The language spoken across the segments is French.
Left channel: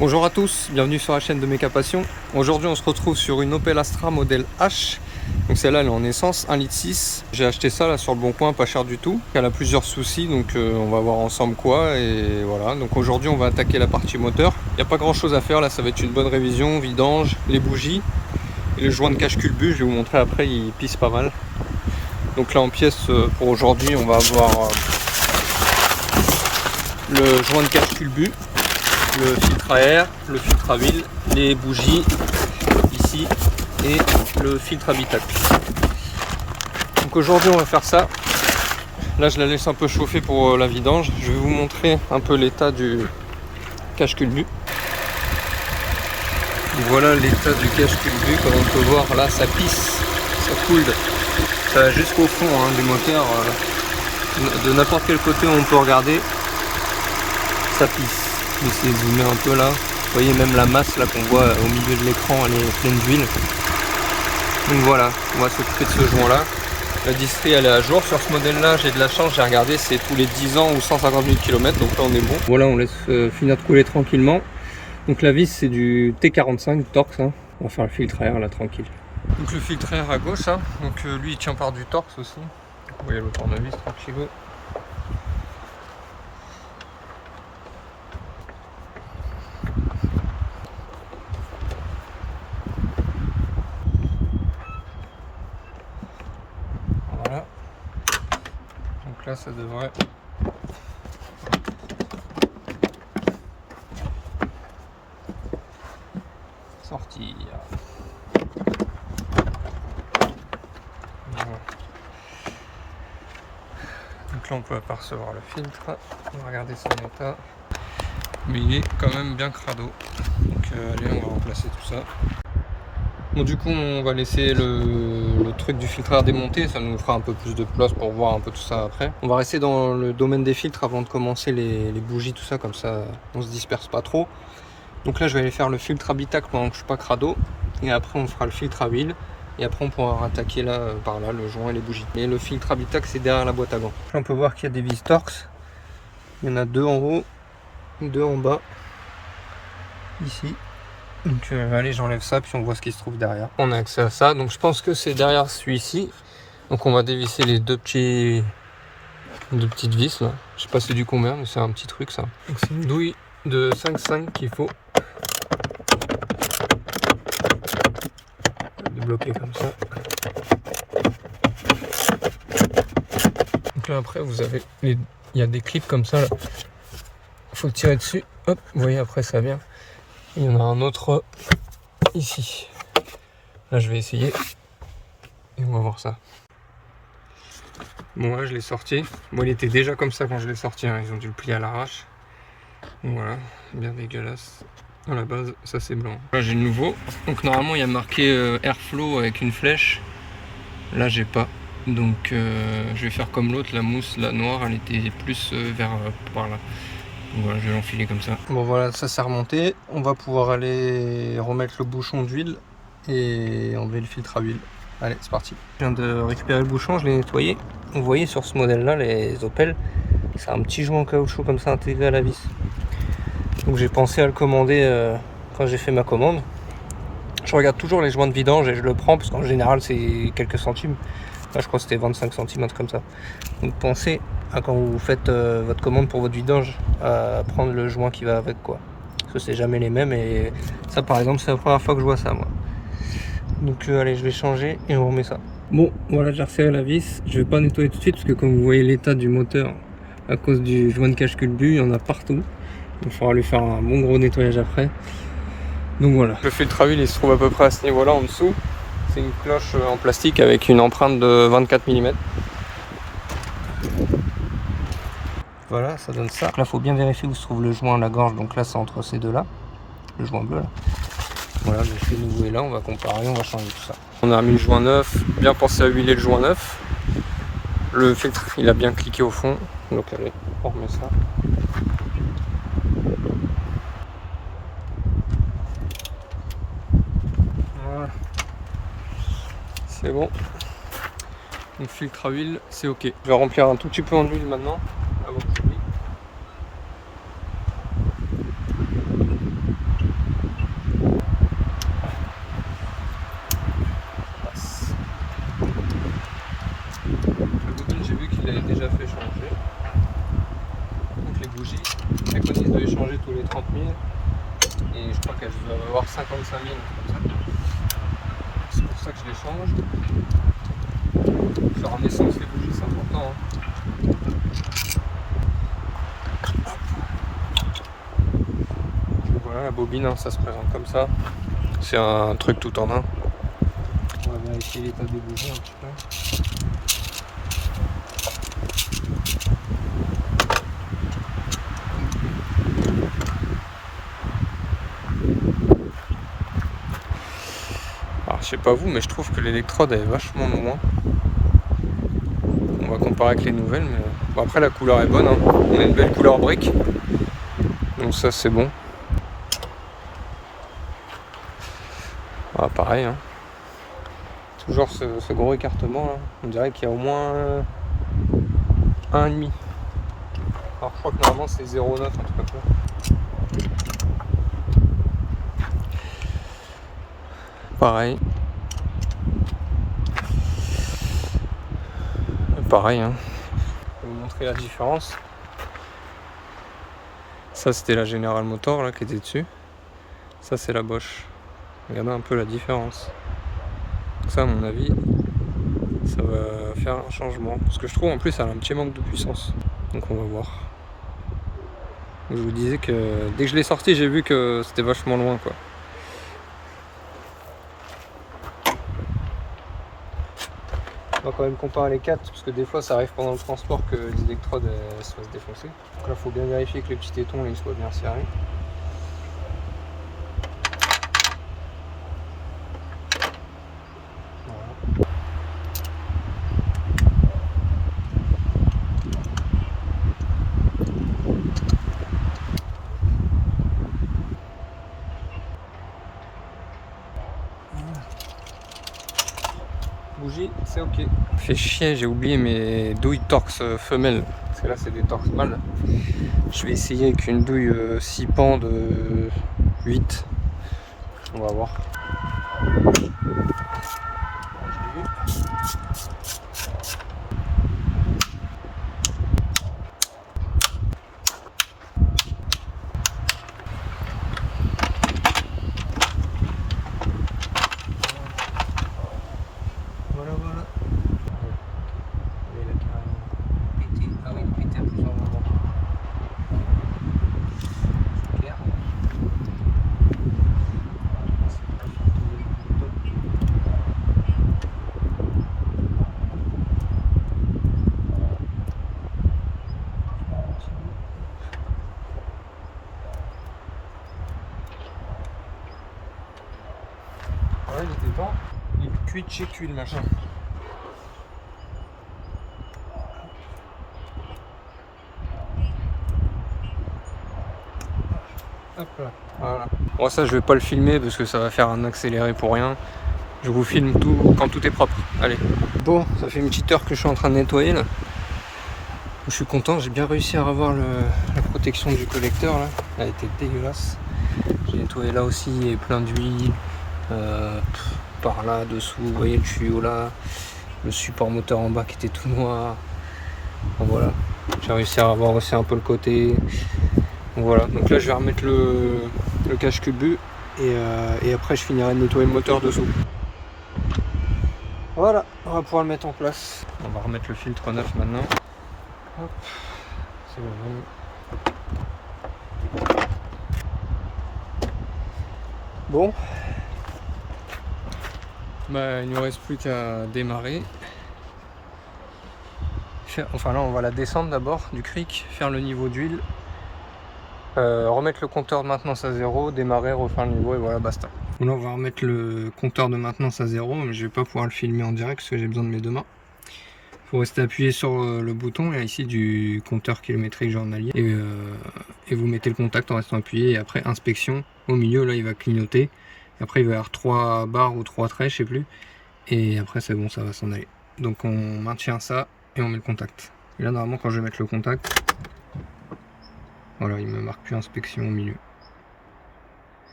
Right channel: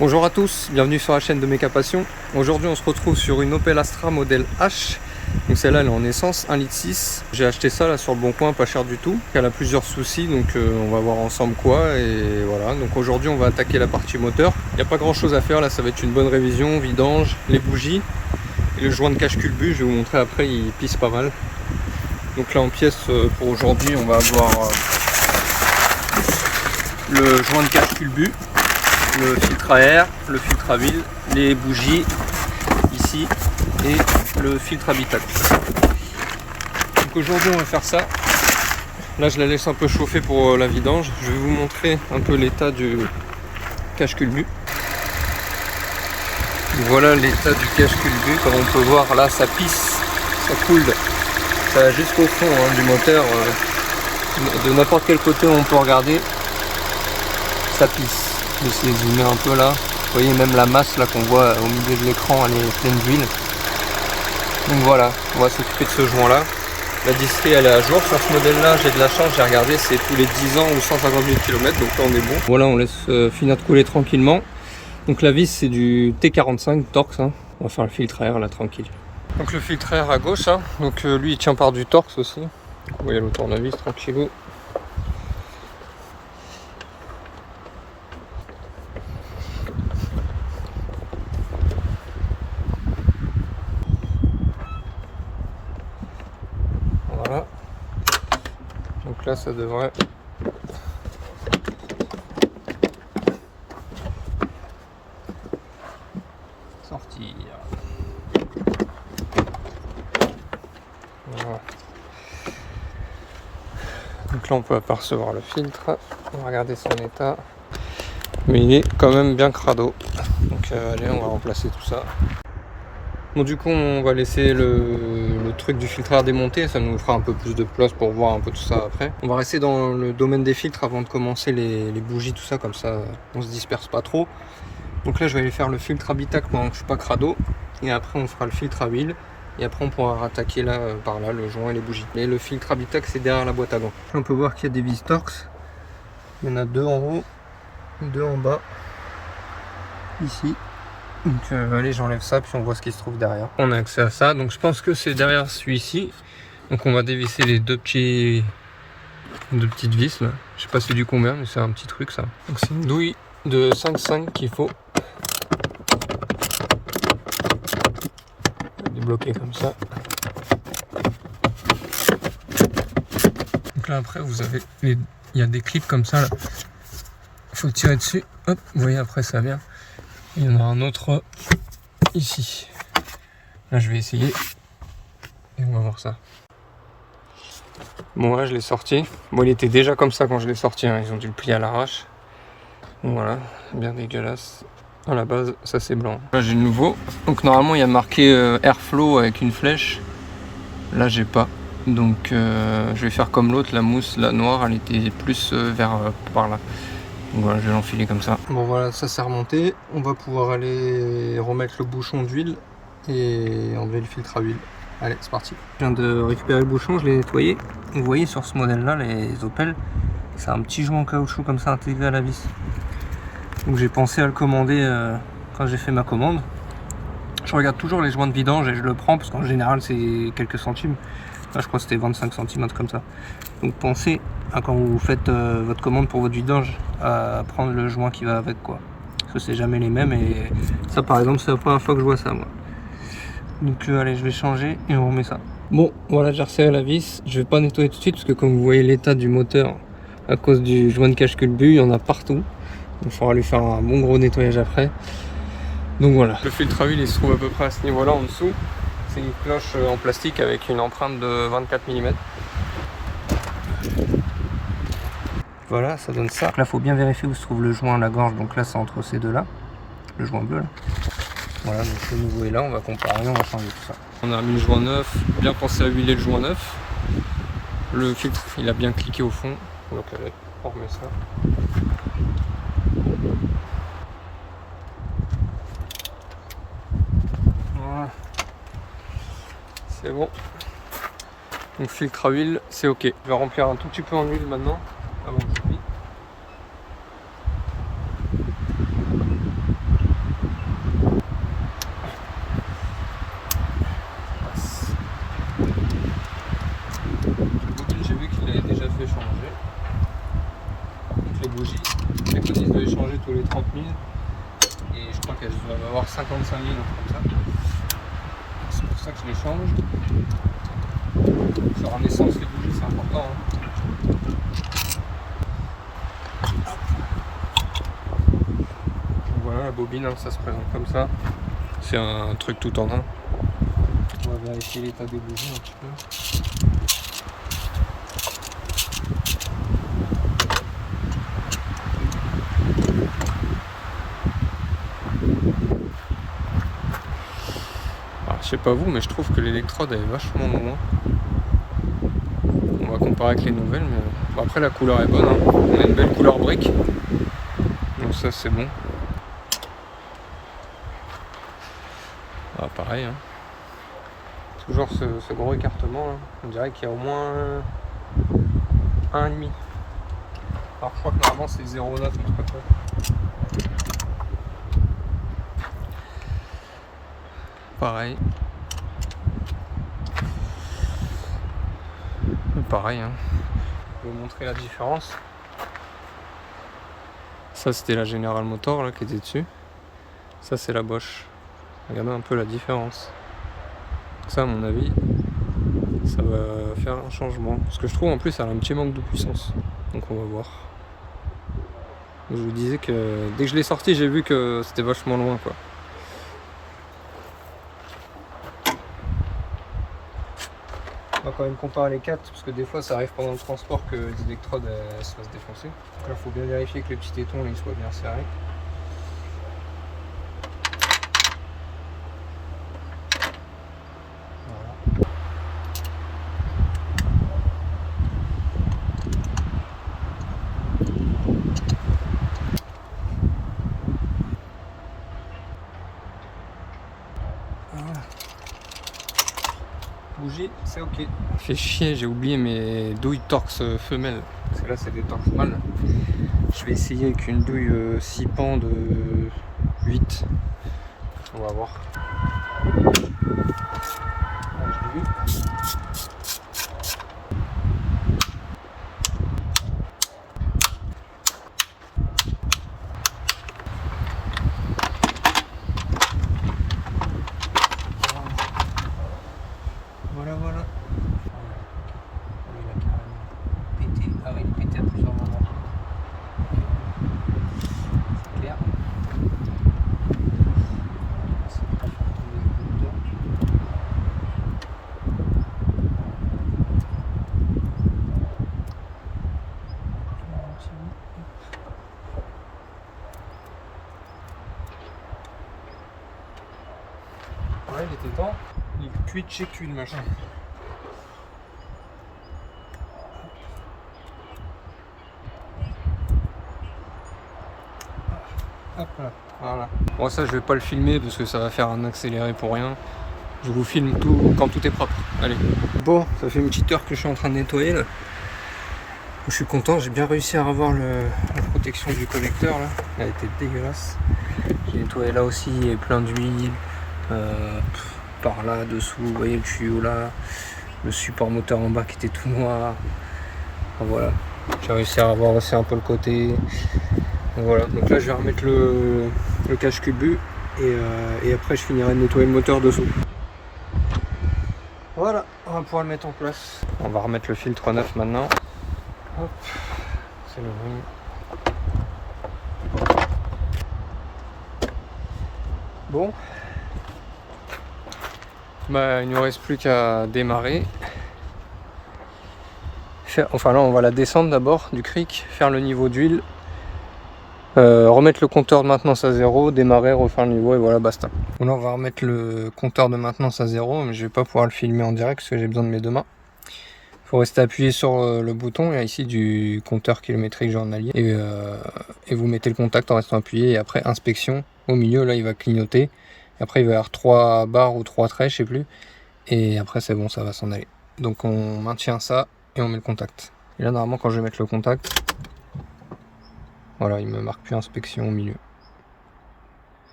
Bonjour à tous, bienvenue sur la chaîne de Méca Passion. Aujourd'hui on se retrouve sur une Opel Astra modèle H. Donc celle-là elle est en essence, 1,6 litre. J'ai acheté ça là sur le bon coin, pas cher du tout. Elle a plusieurs soucis donc on va voir ensemble quoi. Et voilà, donc aujourd'hui on va attaquer la partie moteur. Il n'y a pas grand chose à faire là, ça va être une bonne révision, vidange, les bougies. Et le joint de cache culbut, je vais vous montrer après, il pisse pas mal. Donc là en pièces pour aujourd'hui on va avoir le joint de cache culbut, le filtre à air, le filtre à huile, les bougies ici et le filtre habitacle. Donc aujourd'hui on va faire ça. Là je la laisse un peu chauffer pour la vidange. Je vais vous montrer un peu l'état du cache culbut. Voilà l'état du cache culbut. Comme on peut voir là, ça pisse, ça coule, ça va jusqu'au fond du moteur. De n'importe quel côté où on peut regarder, ça pisse. Je vais essayer de zoomer un peu là. Vous voyez même la masse là qu'on voit au milieu de l'écran, elle est pleine d'huile. Donc voilà, on va s'occuper de ce joint là. La distrie elle est à jour sur ce modèle là, j'ai de la chance, j'ai regardé, c'est tous les 10 ans ou 150 000 km, donc là on est bon. Voilà, on laisse finir de couler tranquillement. Donc la vis c'est du T45 Torx, hein. On va faire le filtre à air là tranquille. Donc le filtre à air à gauche, hein. Donc lui il tient par du Torx aussi. Vous voyez le tournevis tranquillou. Voilà. Donc là ça devrait sortir. Voilà. Donc là on peut apercevoir le filtre. On va regarder son état. Mais il est quand même bien crado. Donc allez, on va remplacer tout ça. Bon du coup on va laisser le truc du filtre à air démonter, ça nous fera un peu plus de place pour voir un peu tout ça après. On va rester dans le domaine des filtres avant de commencer les bougies, tout ça, comme ça on se disperse pas trop. Donc là je vais aller faire le filtre habitacle pendant que je suis pas crado. Et après on fera le filtre à huile. Et après on pourra rattaquer là, par là, le joint et les bougies. Et le filtre habitacle c'est derrière la boîte à gants. Là on peut voir qu'il y a des vis Torx. Il y en a deux en haut, deux en bas. Ici. Donc allez, j'enlève ça puis on voit ce qui se trouve derrière. On a accès à ça, donc je pense que c'est derrière celui-ci. Donc on va dévisser les deux petites vis là. Je sais pas c'est du combien, mais c'est un petit truc ça. Donc c'est une douille de 5,5 qu'il faut débloquer comme ça. Donc là après vous avez il y a des clips comme ça là. Faut tirer dessus. Hop, vous voyez après ça vient. Il y en a un autre ici. Là je vais essayer et on va voir ça. Bon là je l'ai sorti. Bon il était déjà comme ça quand je l'ai sorti, hein. Ils ont dû le plier à l'arrache. Voilà, bien dégueulasse. À la base ça c'est blanc. Là j'ai le nouveau. Donc normalement il y a marqué Airflow avec une flèche. Là j'ai pas. Donc je vais faire comme l'autre, la mousse, la noire, elle était plus vers par là. Donc voilà, je vais l'enfiler comme ça. Bon voilà, ça s'est remonté. On va pouvoir aller remettre le bouchon d'huile et enlever le filtre à huile. Allez, c'est parti. Je viens de récupérer le bouchon, je l'ai nettoyé. Vous voyez sur ce modèle là, les Opel, c'est un petit joint en caoutchouc comme ça intégré à la vis. Donc j'ai pensé à le commander quand j'ai fait ma commande. Je regarde toujours les joints de vidange et je le prends parce qu'en général c'est quelques centimes. Là je crois que c'était 25 centimes, un truc comme ça. Donc pensez à quand vous faites votre commande pour votre vidange à prendre le joint qui va avec quoi. Parce que c'est jamais les mêmes et ça par exemple c'est la première fois que je vois ça moi. Donc allez, je vais changer et on remet ça. Bon voilà, j'ai resserré la vis. Je vais pas nettoyer tout de suite parce que comme vous voyez l'état du moteur à cause du joint de cache culbut, il y en a partout. Il faudra lui faire un bon gros nettoyage après. Donc voilà. Le filtre à huile il se trouve à peu près à ce niveau là en dessous. C'est une cloche en plastique avec une empreinte de 24 mm. Voilà, ça donne ça. Là, il faut bien vérifier où se trouve le joint à la gorge. Donc là, c'est entre ces deux là. Le joint bleu là. Voilà, donc le nouveau est là. On va comparer, on va changer tout ça. On a remis le joint neuf. Bien pensé à huiler le joint neuf. Le filtre, il a bien cliqué au fond. Donc allez, on remet ça. Voilà. C'est bon. Donc filtre à huile, c'est ok. Je vais remplir un tout petit peu en huile maintenant. Avant que j'oublie. déjà fait changer. Donc les bougies, je préconise de les changer tous les 30 000. Et je crois qu'elles doivent avoir 55 000, comme ça. C'est pour ça que je les change. Sur un essence les bougies, c'est important. Hein. Donc voilà, la bobine, hein, ça se présente comme ça. C'est un truc tout en un. On va vérifier l'état des bougies un petit peu. Alors, je sais pas vous, mais je trouve que l'électrode est vachement loin. On va comparer avec les nouvelles, mais bon, après la couleur est bonne. Hein. On a une belle couleur brique, donc ça c'est bon. Ah, pareil. Hein. Toujours ce gros écartement. Hein. On dirait qu'il y a au moins 1,5. Alors je crois que normalement c'est 0,9 en tout cas. Pareil. Pareil, hein. Je vais vous montrer la différence. Ça c'était la General Motors là qui était dessus. Ça c'est la Bosch. Regardez un peu la différence. Donc ça à mon avis, ça va faire un changement. Parce que je trouve en plus elle a un petit manque de puissance. Donc on va voir. Je vous disais que dès que je l'ai sorti, j'ai vu que c'était vachement loin quoi. On va quand même comparer les 4 parce que des fois ça arrive pendant le transport que les électrodes se fassent défoncer. Donc là il faut bien vérifier que les petits tétons ils soient bien serrés. Voilà. Voilà. Bougie, c'est ok. Fait chier, j'ai oublié mes douilles torx femelles. Parce que là c'est des torx mâles. Je vais essayer avec une douille 6 pans de 8. On va voir. Ah, je l'ai vu. Voilà, voilà. Elle est là carrément pétée. Ah oui, elle est pétée à plusieurs moments. C'est clair. C'est pas fort tomber le bouton. Un petit bout. Ouais, il était temps. Il cuit chez cuit le machin. Hop là, voilà. Bon ça je vais pas le filmer parce que ça va faire un accéléré pour rien. Je vous filme tout quand tout est propre. Allez. Bon, ça fait une petite heure que je suis en train de nettoyer là. Je suis content, j'ai bien réussi à avoir la protection du collecteur là. Elle était dégueulasse. J'ai nettoyé là aussi, il y avait plein d'huile. Par là, dessous, vous voyez le tuyau là. Le support moteur en bas qui était tout noir. Enfin, voilà. J'ai réussi à avoir aussi un peu le côté. Donc, voilà. Donc là je vais remettre le cache-culbut et après je finirai de nettoyer le moteur dessous. Voilà, on va pouvoir le mettre en place. On va remettre le filtre neuf maintenant. Hop, c'est le bon. Bah, il ne nous reste plus qu'à démarrer. Enfin là on va la descendre d'abord du cric, faire le niveau d'huile, remettre le compteur de maintenance à 0, démarrer, refaire le niveau et voilà basta. Bon, là on va remettre le compteur de maintenance à 0, mais je vais pas pouvoir le filmer en direct parce que j'ai besoin de mes deux mains. Il faut rester appuyé sur le bouton et ici du compteur kilométrique journalier et vous mettez le contact en restant appuyé et après inspection. Au milieu là il va clignoter et après il va y avoir 3 barres ou 3 traits je sais plus et après c'est bon, ça va s'en aller. Donc on maintient ça et on met le contact. Et là normalement quand je vais mettre le contact, voilà, il me marque plus inspection au milieu.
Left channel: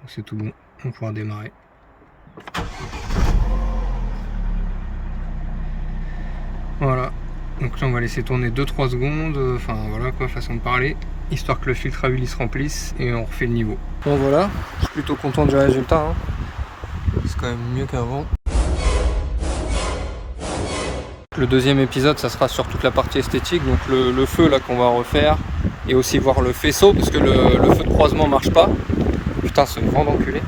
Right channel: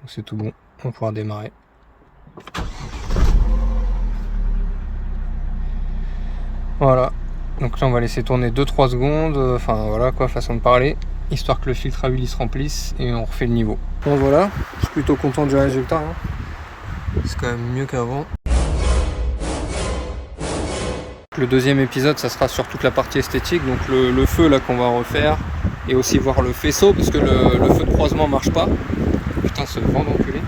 Donc c'est tout bon, on va pouvoir démarrer. Voilà, Donc là on va laisser tourner 2-3 secondes, enfin voilà quoi, façon de parler, histoire que le filtre à huile il se remplisse et on refait le niveau. Bon voilà, je suis plutôt content du résultat, hein. C'est quand même mieux qu'avant. Le deuxième épisode ça sera sur toute la partie esthétique, donc le feu là qu'on va refaire, et aussi voir le faisceau parce que le feu de croisement marche pas. Putain, c'est le vent d'enculé.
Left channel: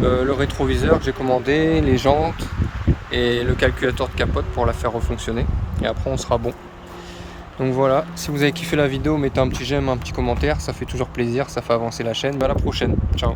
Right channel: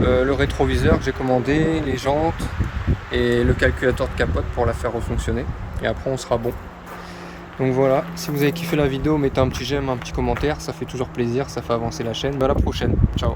Le rétroviseur que j'ai commandé, les jantes et le calculateur de capote pour la faire refonctionner, et après on sera bon. Donc voilà, si vous avez kiffé la vidéo, mettez un petit j'aime, un petit commentaire, ça fait toujours plaisir, ça fait avancer la chaîne. À la prochaine, ciao.